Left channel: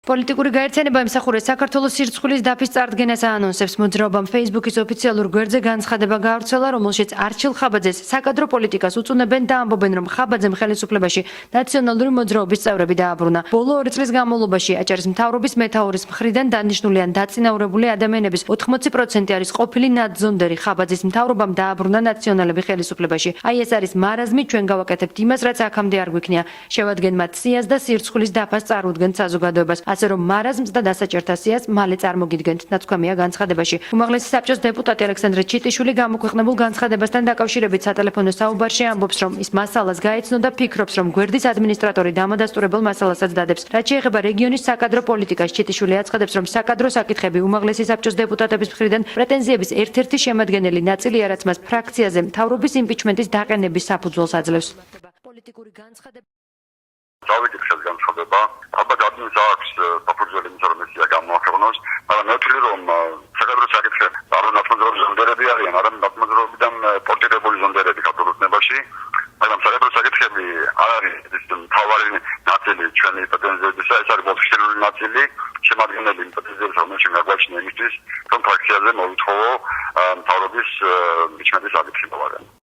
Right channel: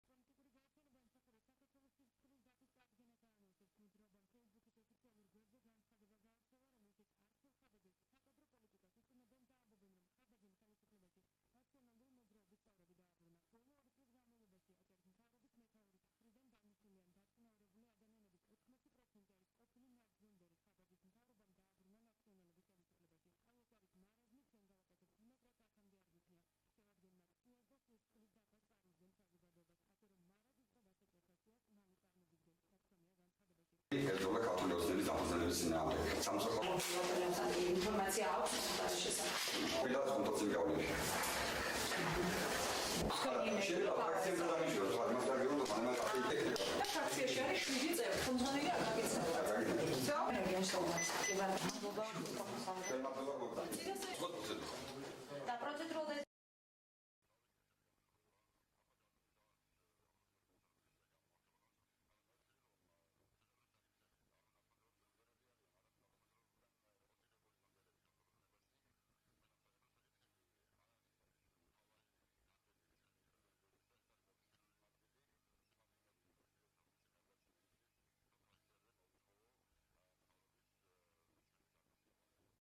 პოლიტიკური გაერთიანება ემსახურეს საქართველოს სირცხვილის დაფის წარდგენას აანონსებს. მოძრაობამ Facebook-ის ოფიციალურ გვერდზე განცხადება გაავრცელა, რომელშიც არჩილ ხაბაძეს საკადრო პოლიტიკას უწუნებენ და ამბობენ, რომ ხაბაძემ ხელისუფლებაში ნაციონალური მოძრაობის წევრები დააბრუნა. ბოლო 2 წლის განმავლობაში აჭარის მთავრობის მეთაურის მხრიდან დანიშნული ან დაწინაურებული ადამიანების 80% არის ყოფილი ნაძონდერი. ხაბაძის მთავრობამ დააბრუნა ნაციონალები ხელისუფლებაში. აი ეს არის მარაზმი, ჩვენ გავაკეთებთ იმას, რაც აქამდე არ გვიქნია. შევადგენთ სიას და სირცხვილის დაფას წარუდგენთ საზოგადოებას. ასე რომ მარაზმს და დასაჭერთა სიას მალე წარმოგიდგენთ, ნაცქვამია განცხადებაში. უმაღლესი საბჭოს დეპუტატი ალექსანდრე ჩიტიშვილი გამოქვეყნებულ განცხადებასთან დაკავშირებით სატელეფონო საუბარში ამბობს, რომ ის მასალას გაეცნო და ფიქრობს, რომ გვერდის ადმინისტრატორი დამადასტურებელ მასალასაც დადებს. რაც შეეხება რეგიონის საკადრო პოლიტიკას, ჩიტიშვილი აცხადებს, რომ საკადრო საკითხები უმაღლესი საბჭოს დეპუტატების მხრიდან პრეტენზიების ერთ-ერთი შემადგენელი ნაწილია, რაც მას ფრაქციაზე მთავრობის იმპიჩმენტის დაყენების საფუძველს აძლევს. ალბათ ადმინს აქვს საფუძველი იმისა, რომ ეს გამოახერხოს, მაგრამ მე ვთვლი, რომ საკადრო საკითხები არ უნდა მოძრაობის ზონდერები არიან, არამედ მოძრაობიდან პორტირებული ზონდერები საქართველოს ნებაში, მაგრამ საკადრო საკითხები არ არის ის მთავარი ნაწილი ჩვენი პრეტენზიებისა, ეს არის ოფიციალური ნაწილი, შემადგენელი პრეტენზიების, რომელშიც გაგვაჩნია იმისთვის, რომ ფრაქციაზე მოვითხოვო მთავრობის იმპიჩმენტის აკითხება.